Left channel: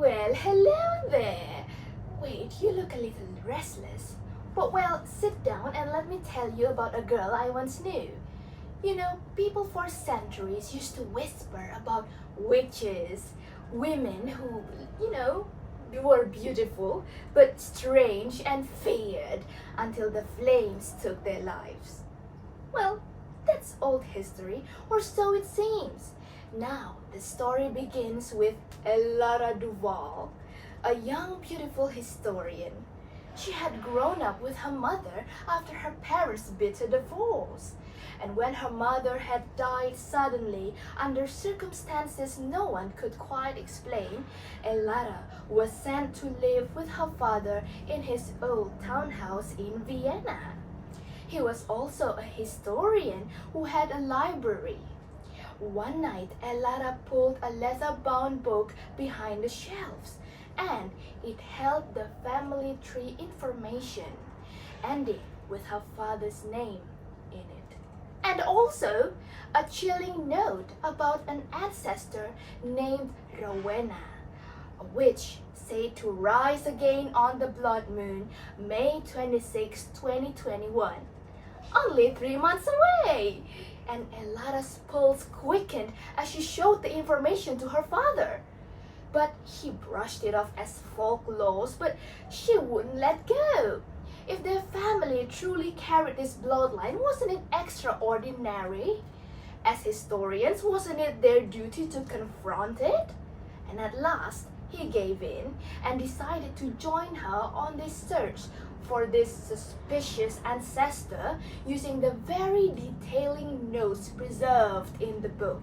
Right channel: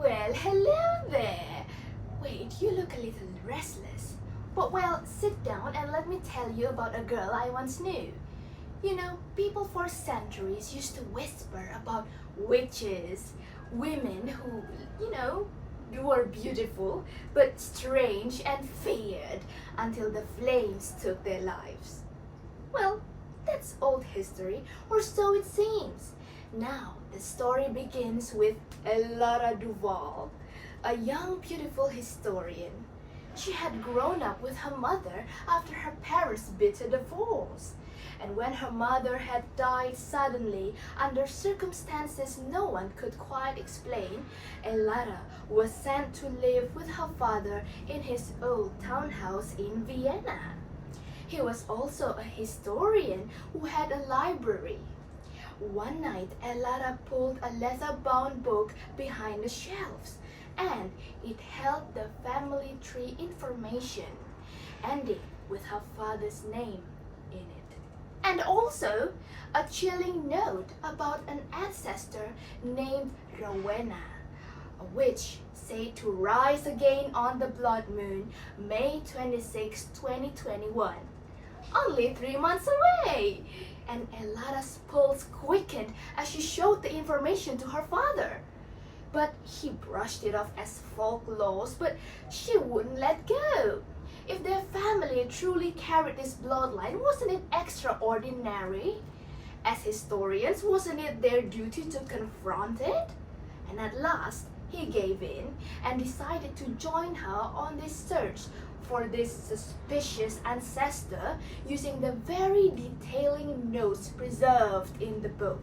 Well, hello there. Wait, you look a little restless. But well, sit down and let me tell you about a girl I once knew. You know, people for centuries used to whisper about witches, women who, were beautiful but strange and feared until the flames took their lives. Well, that's old history, or so it seems. Now, the story begins with Elara Duval, a young, beautiful historian. She had grown up with her mother after her parents' bitter divorce. And when her mother had died suddenly under circumstances no one could quite explain, Elara was sent to live with her father in his old townhouse in Vienna. He was also a historian who had a library. One night, Elara pulled a leather-bound book behind the shelves, and it held the family tree information, ending with her father's name in it. And also a chilling note about an ancestor named Rowena, a witch said to rise again on the blood moon, May 26, 2021. Only 3 months away! And Elara's pulse quickened as she showed the information to her father. But he brushed it off as folklore, but she wouldn't let go. If their family truly carried this bloodline, wasn't it extraordinary? As historians, wasn't it their duty to confront it? And at last, he gave in and decided to join her on this search for this suspicious ancestor using the very detailing notes preserved in the book.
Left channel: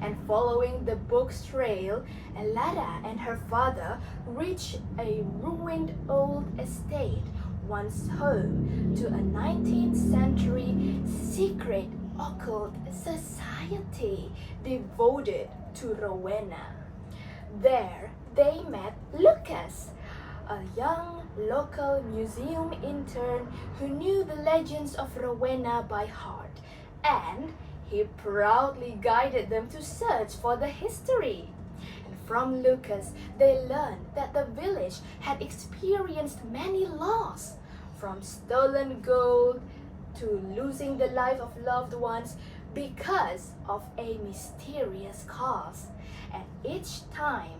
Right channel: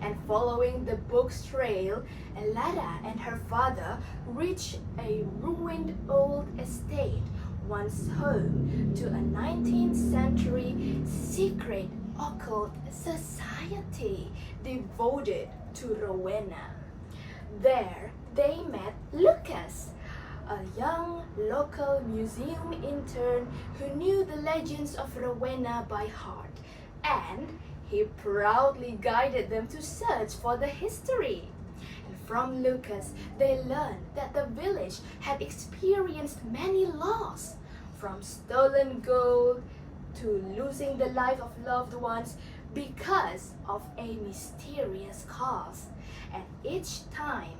And following the book's trail, Elara and her father reached a ruined old estate, once home to a 19th century secret occult society devoted to Rowena. There they met Lucas, a young local museum intern who knew the legends of Rowena by heart, and he proudly guided them to search for the history. And from Lucas, they learned that the village had experienced many losses, from stolen gold to losing the life of loved ones because of a mysterious cause. And each time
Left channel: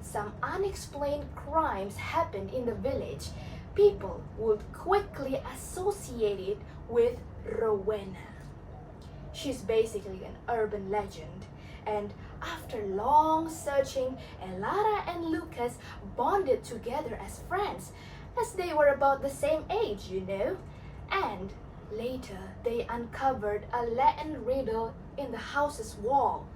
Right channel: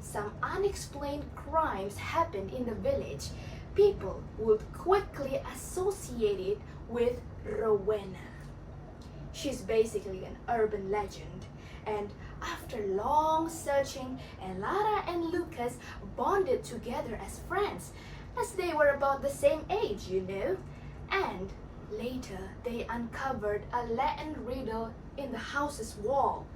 some unexplained crimes happened in the village, people would quickly associate it with Rowena. She's basically an urban legend, and after long searching, Elara and Lucas bonded together as friends, as they were about the same age, And later, they uncovered a Latin riddle in the house's wall.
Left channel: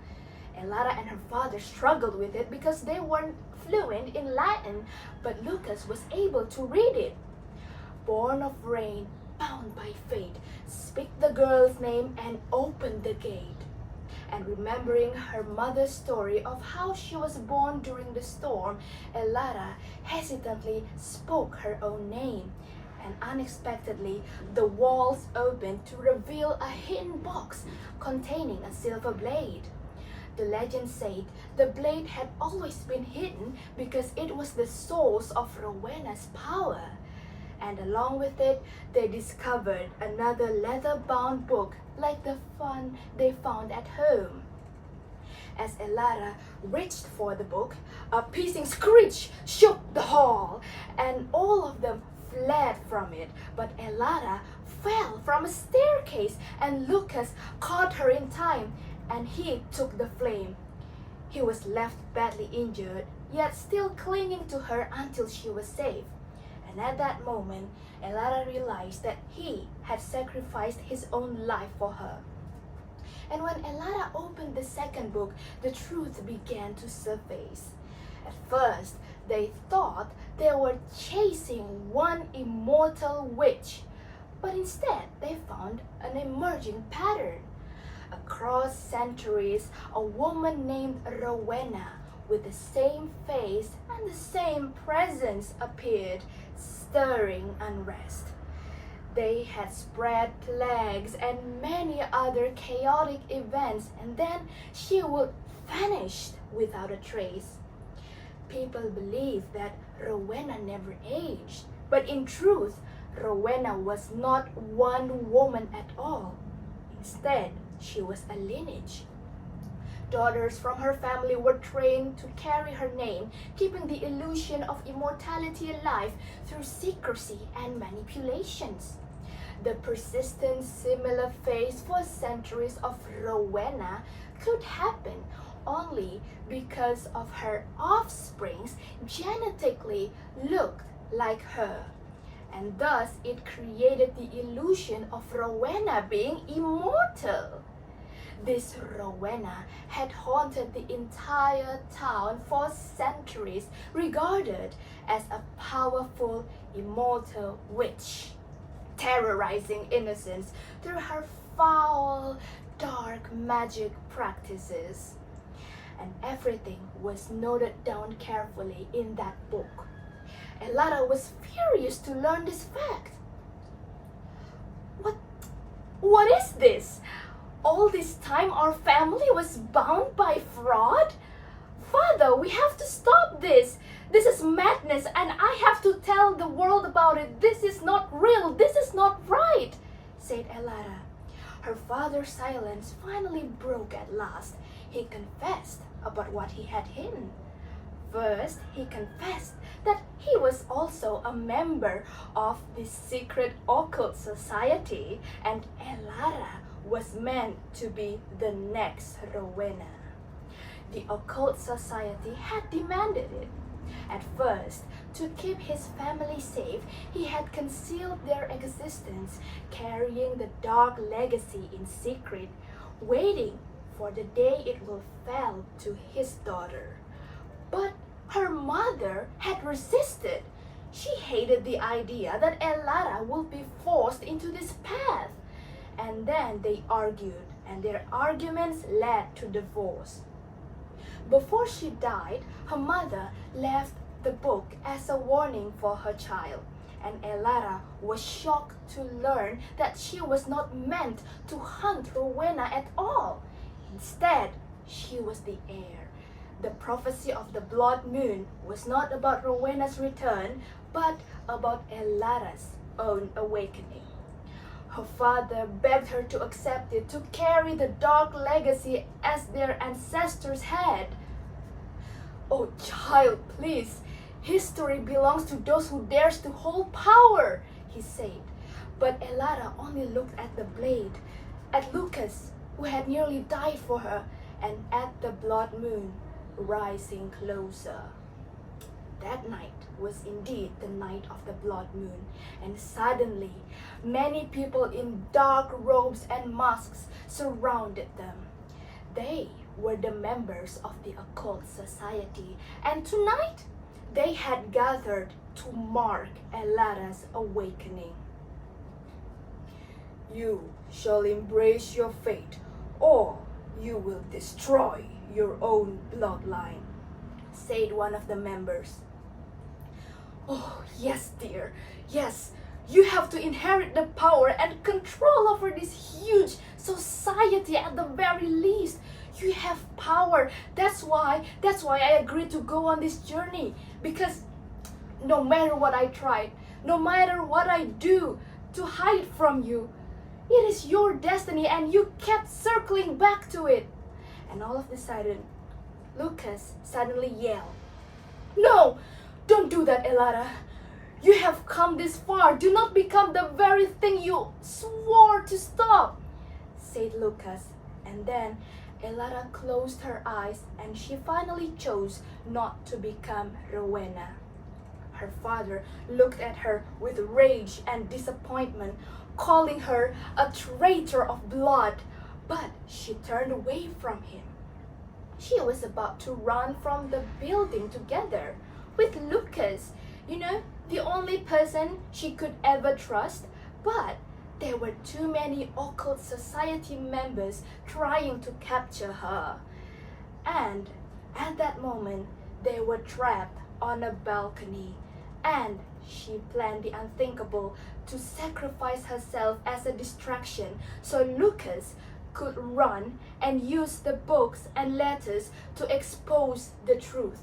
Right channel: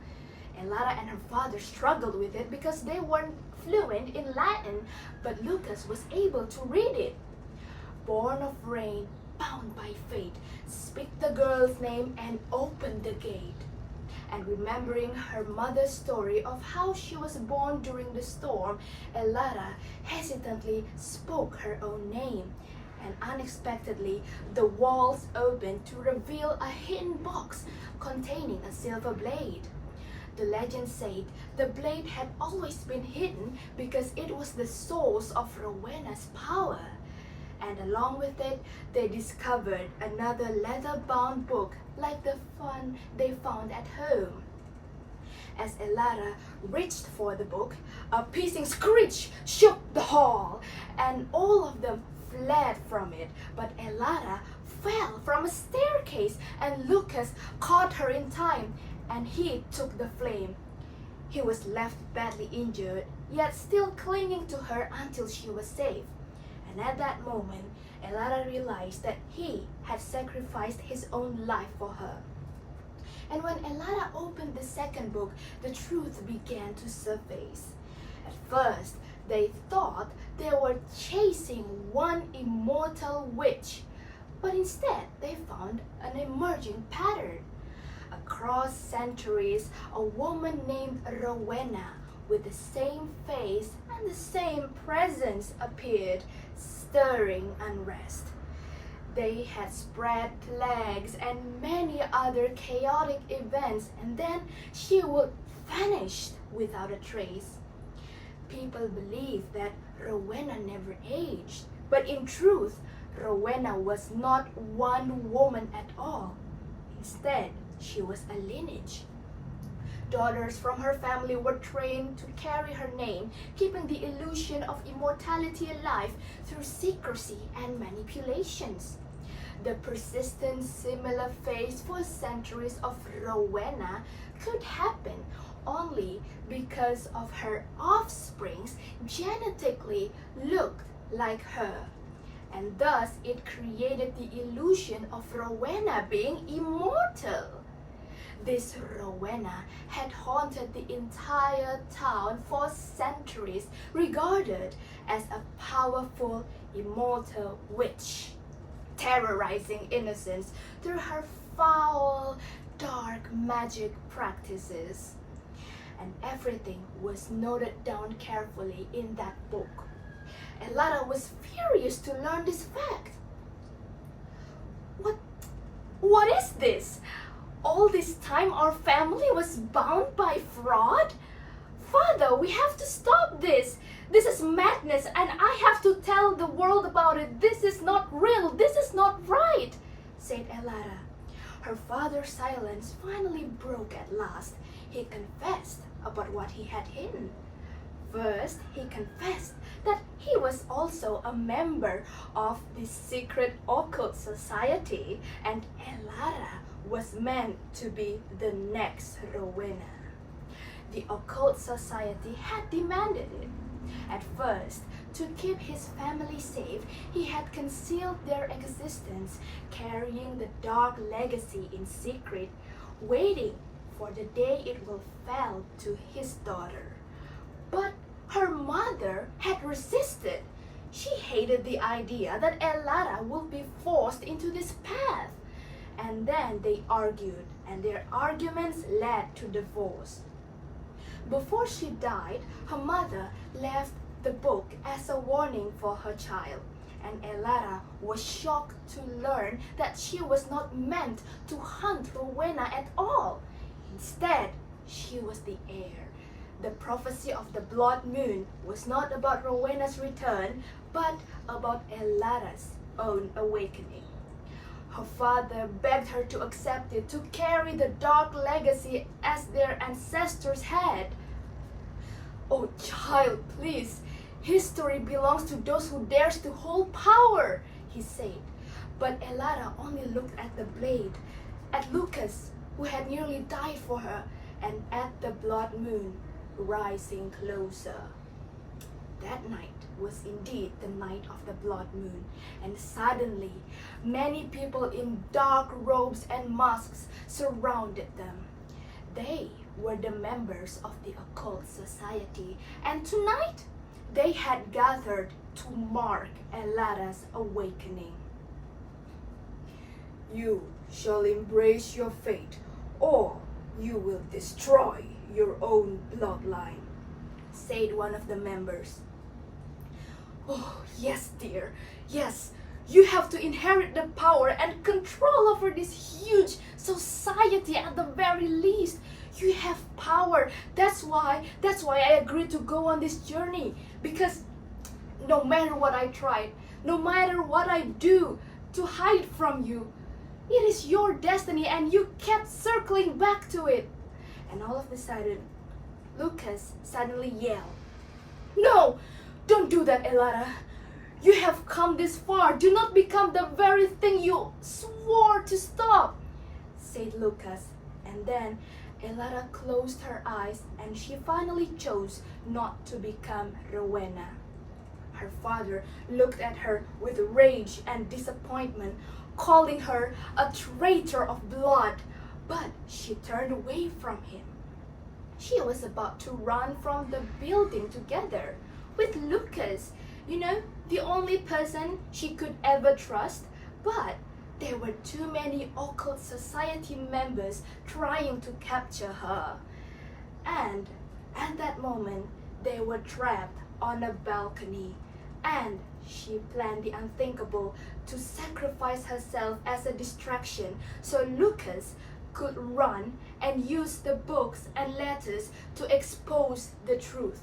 Elara and her father struggled with it because they weren't fluent in Latin, but Lucas was able to read it. Born of rain, bound by fate, speak the girl's name and open the gate. And remembering her mother's story of how she was born during the storm, Elara hesitantly spoke her own name. And unexpectedly, the walls opened to reveal a hidden box containing a silver blade. The legend said the blade had always been hidden because it was the source of Rowena's power. And along with it, they discovered another leather-bound book like the one they found at home. As Elara reached for the book, a piercing screech shook the hall, and all of them fled from it. But Elara fell from a staircase, and Lucas caught her in time, and he took the flame. He was left badly injured, yet still clinging to her until she was safe. And at that moment, Elara realized that he had sacrificed his own life for her. And when Elara opened the second book, the truth began to surface. At first, they thought they were chasing one immortal witch, but instead they found an emerging pattern. Across centuries, a woman named Rowena with the same face and the same presence appeared, stirring unrest. They had spread plagues and many other chaotic events, and then she would vanish without a trace. People believe that Rowena never aged, but in truth, Rowena was not one woman at all. Instead, she was a lineage. Daughters from her family were trained to carry her name, keeping the illusion of immortality alive through secrecy and manipulations. The persistent similar phase for centuries of Rowena could happen only because of her offsprings genetically looked like her, and thus it created the illusion of Rowena being immortal. This Rowena had haunted the entire town for centuries, regarded as a powerful, immortal witch, terrorizing innocents through her foul, dark magic practices. And everything was noted down carefully in that book. Elara was furious to learn this fact. What is this? All this time our family was bound by fraud? Father, we have to stop this. This is madness and I have to tell the world about it. This is not real. This is not right, said Elara. Her father's silence finally broke at last. He confessed about what he had hidden. First, he confessed that he was also a member of the secret occult society, and Elara was meant to be the next Rowena. The occult society had demanded it. At first, to keep his family safe, he had concealed their existence, carrying the dark legacy in secret, waiting for the day it will fall to his daughter. But her mother had resisted. She hated the idea that Elara would be forced into this path. And then they argued, and their arguments led to divorce. Before she died, her mother left the book as a warning for her child, and Elara was shocked to learn that she was not meant to hunt Rowena at all. Instead, she was the heir. The prophecy of the blood moon was not about Rowena's return, but about Elara's own awakening. Her father begged her to accept it, to carry the dark legacy as their ancestors had. Oh child, please, history belongs to those who dares to hold power, he said. But Elara only looked at the blade, at Lucas, who had nearly died for her, and at the blood moon rising closer. That night was indeed the night of the blood moon, and suddenly many people in dark robes and masks surrounded them. They were the members of the occult society, and tonight they had gathered to mark Elara's awakening. You shall embrace your fate, or you will destroy your own bloodline, said one of the members. Oh, yes, dear. Yes, you have to inherit the power and control over this huge society at the very least. You have power. That's why I agreed to go on this journey. Because no matter what I tried, no matter what I do to hide from you, it is your destiny and you kept circling back to it. And all of a sudden, Lucas suddenly yelled, "No! Don't do that, Elara. You have come this far. Do not become the very thing you swore to stop," said Lucas. And then Elara closed her eyes and she finally chose not to become Rowena. Her father looked at her with rage and disappointment, calling her a traitor of blood, but she turned away from him. She was about to run from the building together with Lucas, the only person she could ever trust, but there were too many occult society members trying to capture her. And at that moment, they were trapped on a balcony, and she planned the unthinkable, to sacrifice herself as a distraction so Lucas could run and use the books and letters to expose the truth.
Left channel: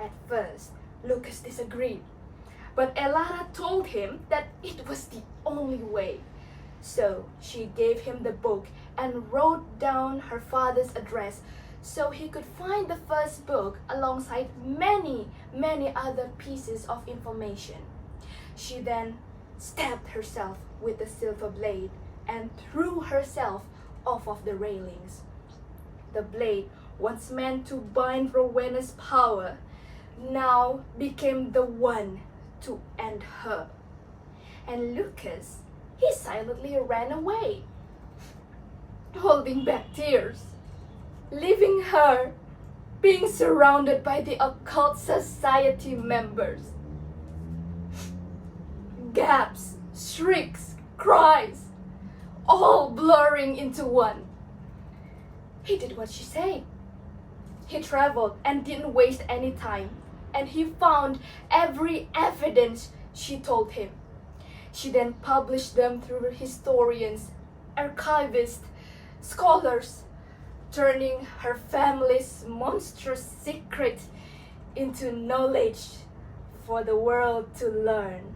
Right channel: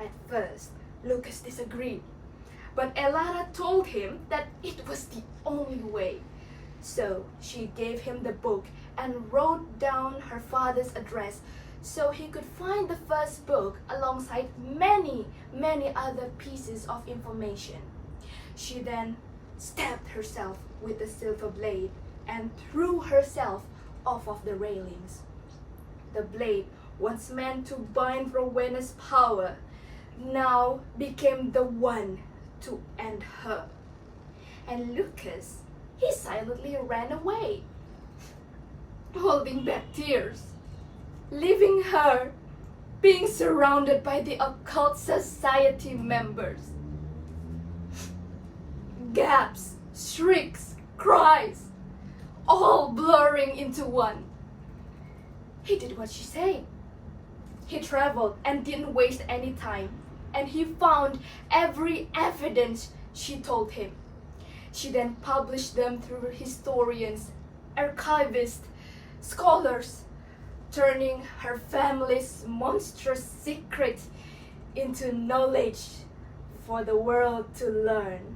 At first, Lucas disagreed, but Elara told him that it was the only way. So she gave him the book and wrote down her father's address so he could find the first book alongside many other pieces of information. She then stabbed herself with a silver blade and threw herself off of the railings. The blade, once meant to bind Rowena's power, now became the one to end her. And Lucas, he silently ran away, holding back tears, leaving her being surrounded by the occult society members. Gasps, shrieks, cries, all blurring into one. He did what she said. He traveled and didn't waste any time, and he found every evidence she told him. She then published them through historians, archivists, scholars, turning her family's monstrous secret into knowledge for the world to learn.